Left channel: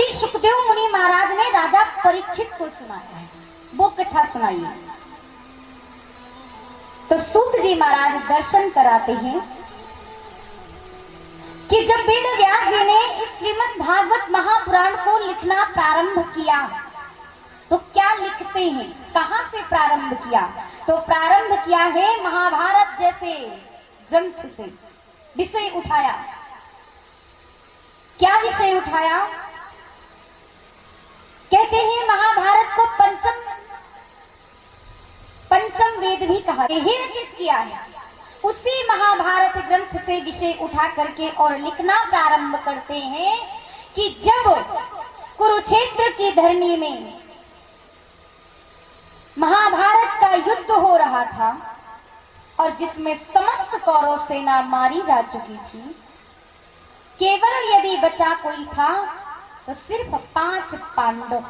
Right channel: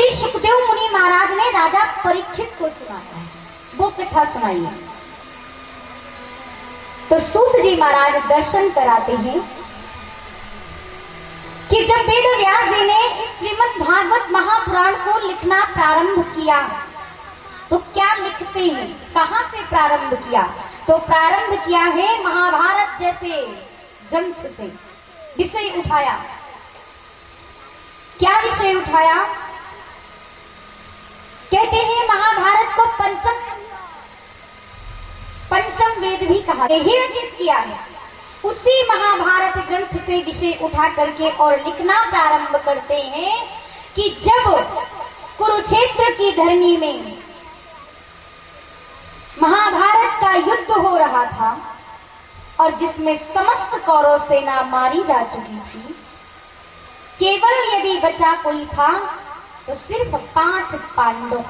श्री सुखदेव मुनि महाराज ने राजा परीक्षित को सुनाया है, वो कथा सुनाइए। तो सूत जी महाराज दर्शन कराते हैं कि जब वेद व्यास जी ने इस श्रीमद् भागवत महापुराण को लिखना प्रारंभ किया तो क्या लिखते हैं, कहां से प्रारंभ किया? तो प्रारंभ किया है महाभारत जैसे ग्रंथ से। विषय उठाया, क्या विषय उठाया? कहते हैं महाभारत को पंचम वेद भी कहा, ही रचित किया है। उसी महाभारत ग्रंथ से विषय उठा करके और लिखना प्रारंभ करते हैं कि जब कुरुक्षेत्र की धरनी में महाभारत का युद्ध हो रहा था और जिसमें समस्त कौरव सेना मारी जा चुकी थी, केवल यदि बचा कोई था तो सिर्फ 5 पांडव,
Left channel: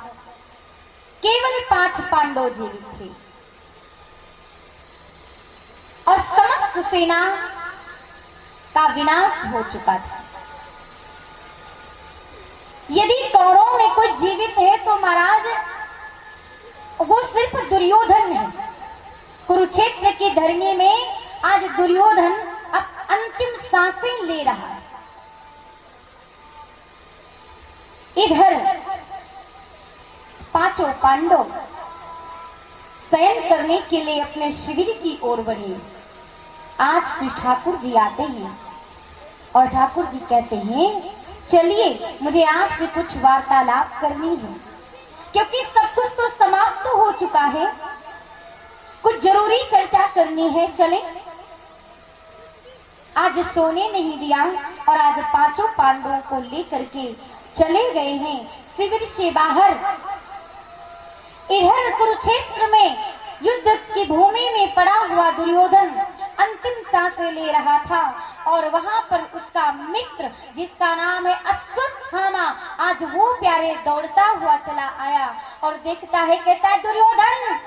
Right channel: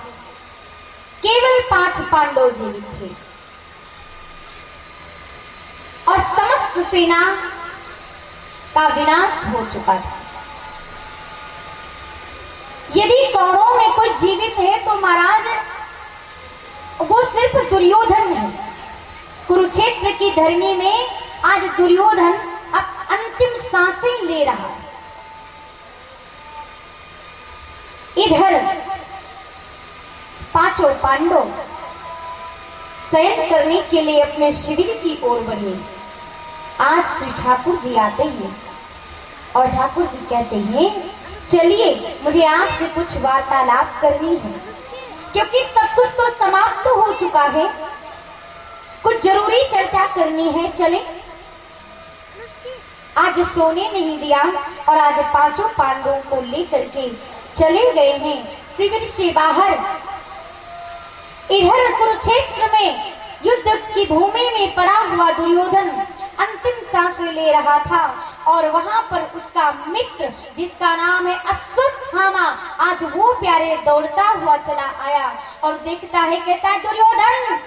केवल 5 पांडव जीवित थे और समस्त सेना का विनाश हो चुका था। यदि कौरवों में कोई जीवित है तो महाराज वो सिर्फ दुर्योधन है। कुरुक्षेत्र की धरनी में आज दुर्योधन अब अंतिम सांसें ले रहा है। इधर 5 पांडव शयन करने के लिए अपने शिविर की ओर बढ़े। आज श्री ठाकुर जी आते हैं और ठाकुर जी कहते हैं चलिए मुझे आपसे कुछ वार्तालाप करनी है, क्योंकि सब कुछ तो समाप्त हो चुका है, कुछ जरूरी चर्चा करनी है। चले। आज सोने नहीं दिया और आज 5 पांडवों को लेकर के चले गए हैं शिविर से बाहर। इधर कुरुक्षेत्र में युद्ध की भूमि में पड़ा हुआ दुर्योधन अंतिम सांसें ले रहा था और वहां पर उसका मित्र जिसका नाम है अश्वत्थामा, आज वो प्यारे दौड़ता हुआ चला आया और देखता है, कहता है दुर्योधन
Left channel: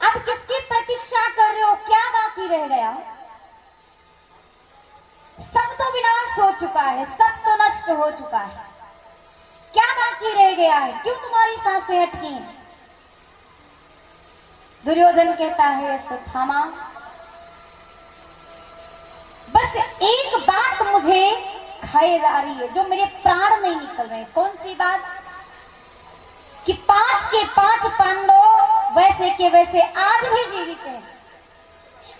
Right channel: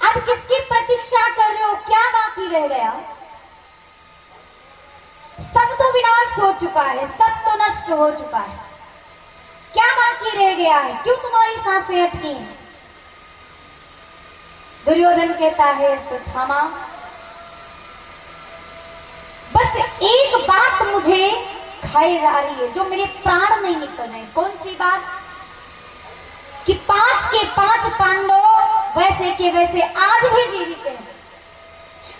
अब किसकी प्रतीक्षा कर रहे हो, क्या बाकी रह गया? सब तो विनाश हो चुका है, सब तो नष्ट हो चुका है, क्या बाकी रह गया है? क्यों तुम्हारी सांसें अटकी? दुर्योधन कहता है अश्वत्थामा बस एक बात मुझे खाए जा रही है, जो मेरे प्राण नहीं निकल रहे। कौन सी बात? कि 5 के 5 पांडव वैसे के वैसे आज भी जीवित हैं,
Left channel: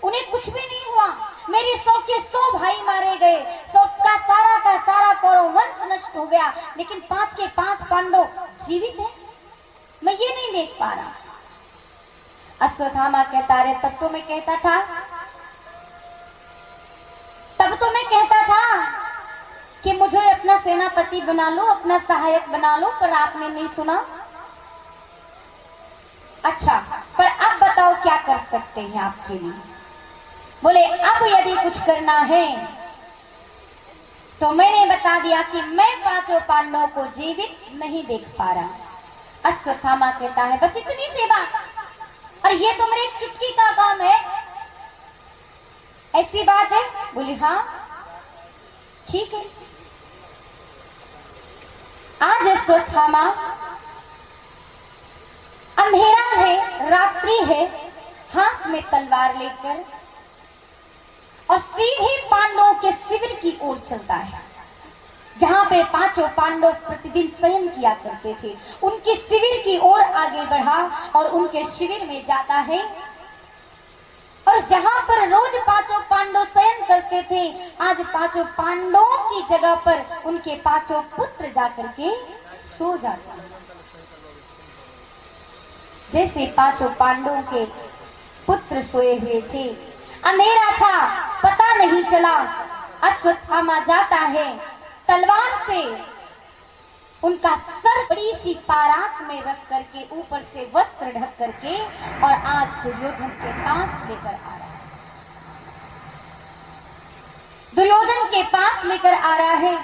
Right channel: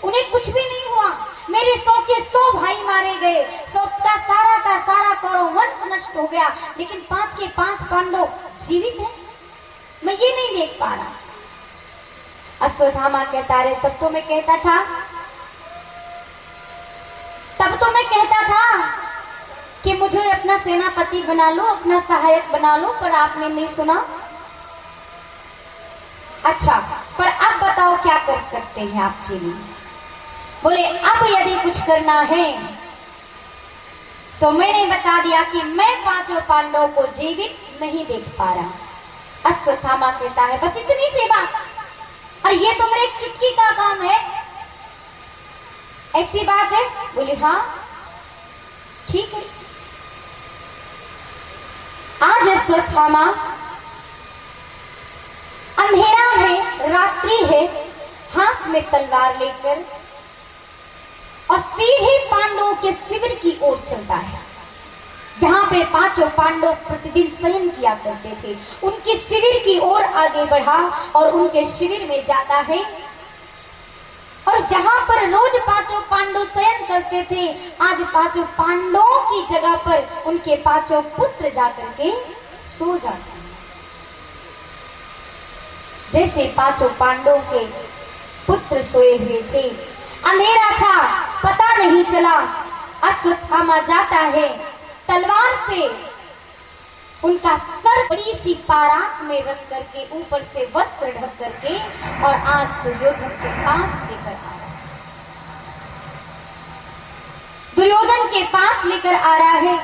उन्हें कुछ भी नहीं हुआ। मेरे 100 के 100 भाई मारे गए, 100 का सारा कौरव वंश नष्ट हो गया, लेकिन 5 के 5 पांडव जीवित हैं, मैं ये नहीं देख पा रहा। अश्वत्थामा कहता रे तब तो मैं कहता था कि मुझे अपना सेनापति बना लो, अपना सहायक बना लो, पर आपने नहीं सुना। अच्छा, पर अब बताओ क्या कर सकते हैं आपके लिए? बोले अब यदि कुछ करना है तो मैंने बता दिया कि मैं 5 पांडवों को जीवित नहीं देख पा रहा। अश्वत्थामा कहता है बस इतनी सी बात, और ये तो मेरे एक चुटकी का काम है, ऐसी बात है? बोले हाँ ठीक है। आज अश्वत्थामा अंधेरा है, रात्रि है, हाथ में तलवार लेकर और सीधे पांडवों के शिविर की ओर चलता है, जहां पे 5 पांडव प्रतिदिन शयन किया करते थे। उनके शिविर की ओर आगे बढ़ा और उनके शिविर में जाता है, और जहां पर रोज 5 पांडव शयन करते थे, आज 5 पांडवों की जगह पर उनके 5 पुत्र जाकर के सो जाते हैं। जैसे 5 पांडवों के पुत्र सोए हुए थे, अंधेरा था, पता नहीं चला। अश्वत्थामा जाता है, तलवार से उनका सर बड़ी सी पारात में रख करके ऊपर से वस्त्र ढक करके और आज दुर्योधन के पास लेकर आ रहा है। दुर्योधन के पास लेकर आ रहा है।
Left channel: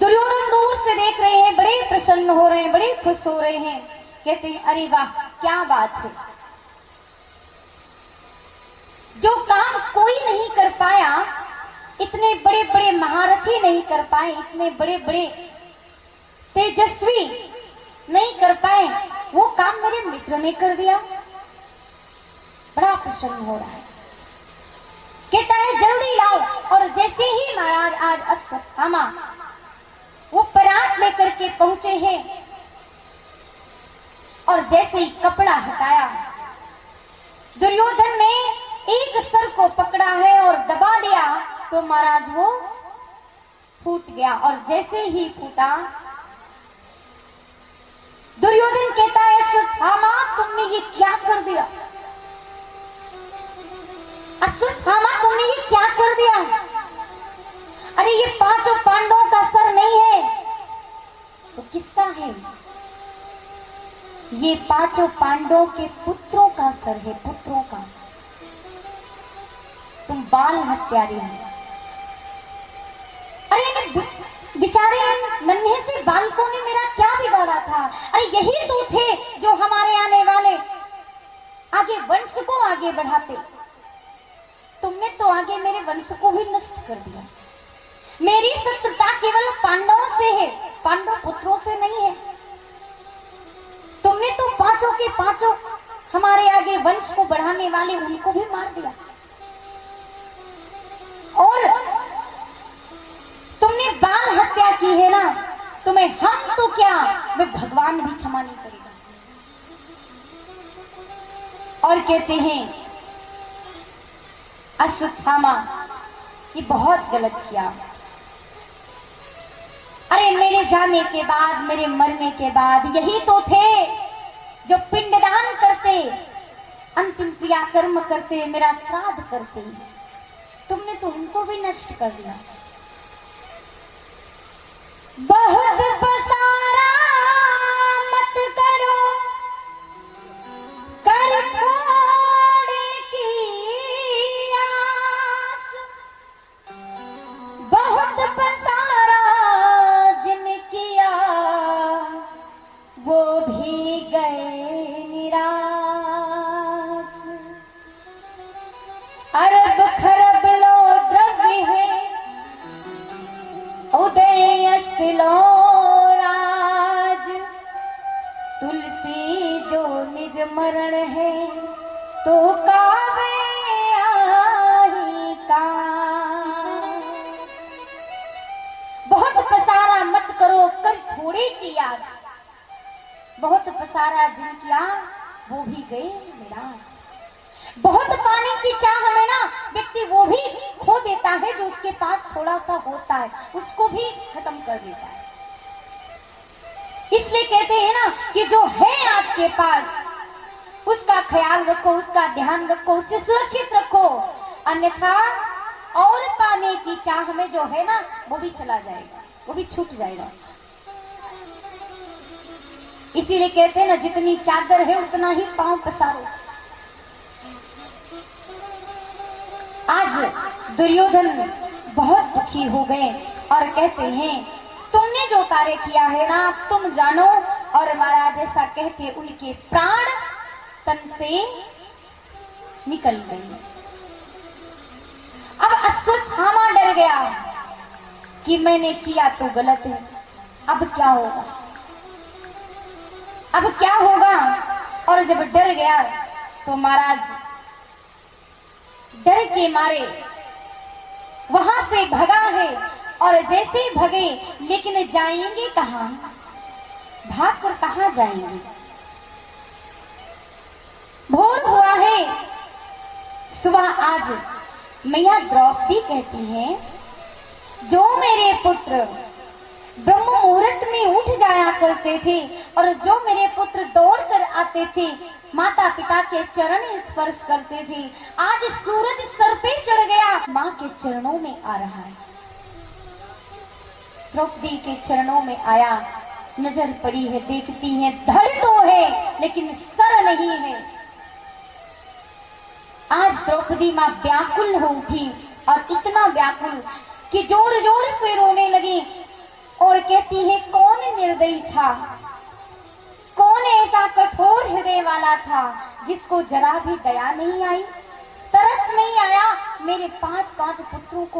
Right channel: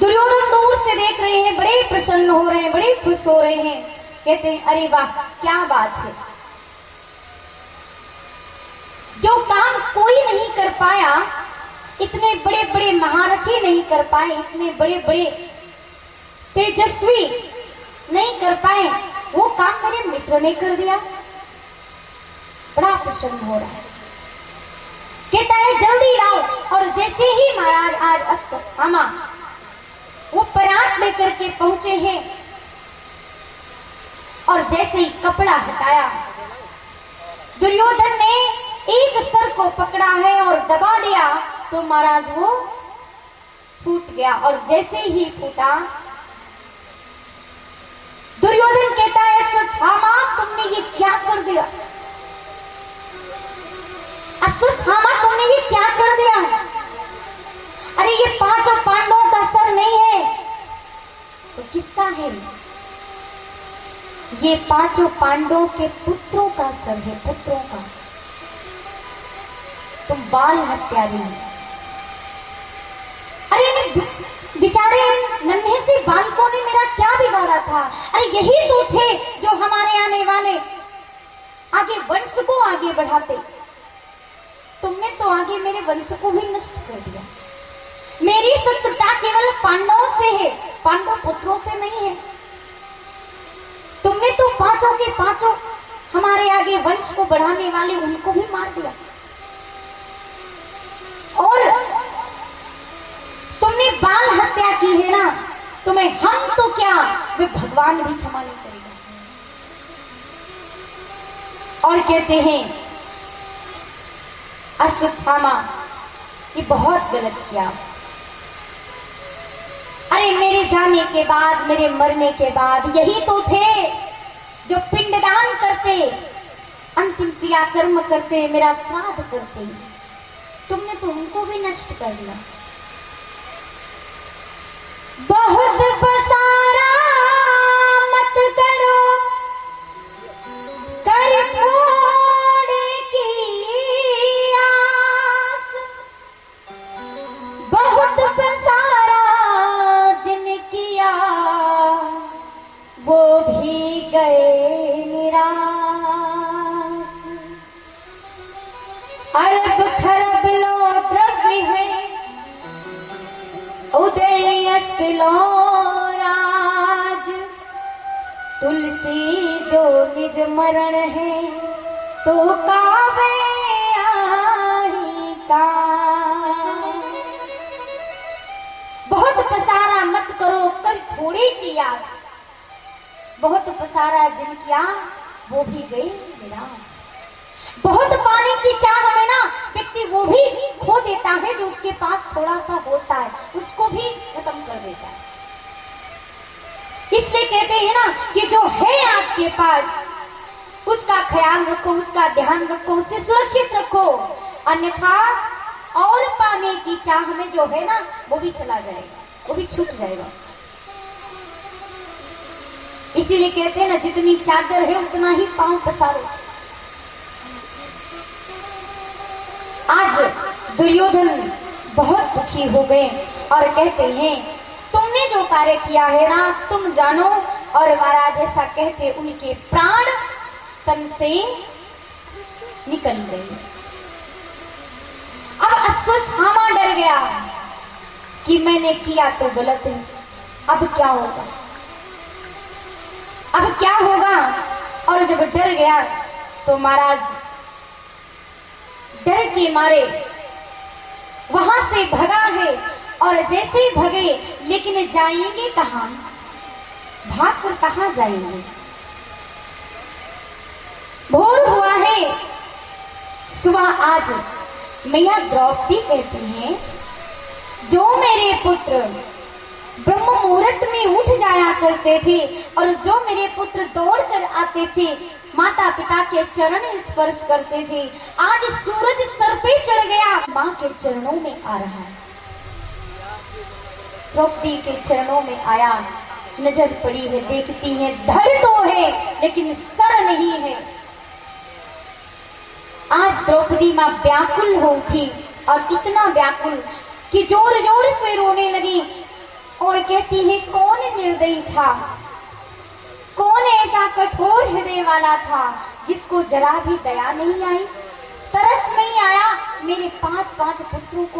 दुर्योधन दूर से देख रहे हैं, बड़े प्रसन्न हो रहे हैं, बड़े खुश हो रहे हैं। कहते हैं अरे वाह क्या बात है, जो काम कोई नहीं कर पाया इतने बड़े बड़े महारथी नहीं कर पाए, इतने बड़े बड़े तेजस्वी नहीं कर पाए, वो काम मेरे मित्र ने कर दिया। बड़ा प्रसन्न हो रहा है, कहता है जल्दी लाओ। और जैसे ही महाराज आज अश्वत्थामा वो परात लेकर के पहुंचे हैं और जैसे ही कपड़ा हटाया, दुर्योधन ने एक सर को पकड़ा है और दबा दिया तो महाराज वो फूट गया। और जैसे ही फूटा, दुर्योधन कहता है अश्वत्थामा तुमने ये क्या कर दिया, अश्वत्थामा तुमने ये क्या कर दिया। अरे ये पांचों पांडवों का सर नहीं है तो किसका है? ये पांचों पांडवों के पुत्रों का सर है, पुत्रों का। तुम बाल हत्यारी हो। अरे बेचारे नन्हे से बालकों ने मेरा क्या बिगाड़ा था? अरे यही तो थे जो हमारे आने वाले आगे वंश को आगे बढ़ाते। तुमने तो आगे मेरे वंश को ही नष्ट कर दिया। मेरी शत्रुता केवल पांडवों से है, पांडव पुत्रों से नहीं है। तुमने तो पांचों के पांचों हमारे आगे वंश को बढ़ाने वाले उनको भी मार दिया। और तुमने बाल हत्या की है ना, तुम्हें हम तो क्या, वे भगवान भी क्षमा नहीं करेगा। और कहते हैं अश्वत्थामा ये बहुत गलत किया। अरे मेरे जाने के बाद, मेरे मरने के बाद यही तो थे जो पिंडदान करते, अंतिम क्रियाकर्म करते, मेरा श्राद्ध करते। तुमने तो उनको भी नष्ट कर दिया। बहुत पसारा मत करो कर थोड़े की आस, बहुत पसारा जिन किया वो भी गए निराश। अरब खरब लो द्रव्य है उदय अस्तिलो राज, तुलसी जो निज मरण है तो कावे आही का। बहुत पसारा मत करो कर थोड़े की आस, बहुत पसारा जिन किया वो भी गए निराश। बहुत पाने की चाह में ना व्यक्ति वो भी खो देता है जो उसके पास थोड़ा सा होता है, उसको भी खत्म कर देता है। इसलिए कहते हैं ना कि जो है आपके पास उसका ख्याल रखो, उसका ध्यान रखो, उसे सुरक्षित रखो, अन्यथा और पाने की चाह में जो है ना वो भी चला जाएगा, वो भी छूट जाएगा। इसीलिए कहते हैं ना जितनी चादर है उतना ही पांव पसारो। आज दुर्योधन बहुत दुखी हो गए और कहते हैं तुमने जो कार्य किया है ना तुम जानो। और महाराज ऐसा कहते उनके प्राण तन से निकल गए। अब अश्वत्थामा डर गया कि मैंने किया तो गलत है, अब क्या होगा, अब क्या होगा। और जब डर गया तो महाराज डर के मारे वहां से भगा है। और जैसे ही भगे, लेकिन जाएंगे कहां, भाग कर कहां जाएंगे। भोर हुआ है, सुबह आज मैया द्रौपदी कहती हैं जो मेरे पुत्र ब्रह्म मुहूर्त में उठ जाया करते थे और जो मेरे पुत्र दौड़ कर आते थे, माता पिता के चरण स्पर्श करते थे, आज सूरज सर पे चढ़ गया, माँ के चरणों में आ रहा है। द्रौपदी के चरणों में आया, नजर पड़ी है, देखती है धड़ तो है लेकिन सर नहीं है। आज द्रौपदी माँ व्याकुल हो उठी और इतना व्याकुल कि जोर जोर से रोने लगी और कहती है कौन निर्दयी था, कौन ऐसा कठोर हृदय वाला था जिसको जरा भी दया नहीं आई, तरस नहीं आया मेरे 5 पुत्रों को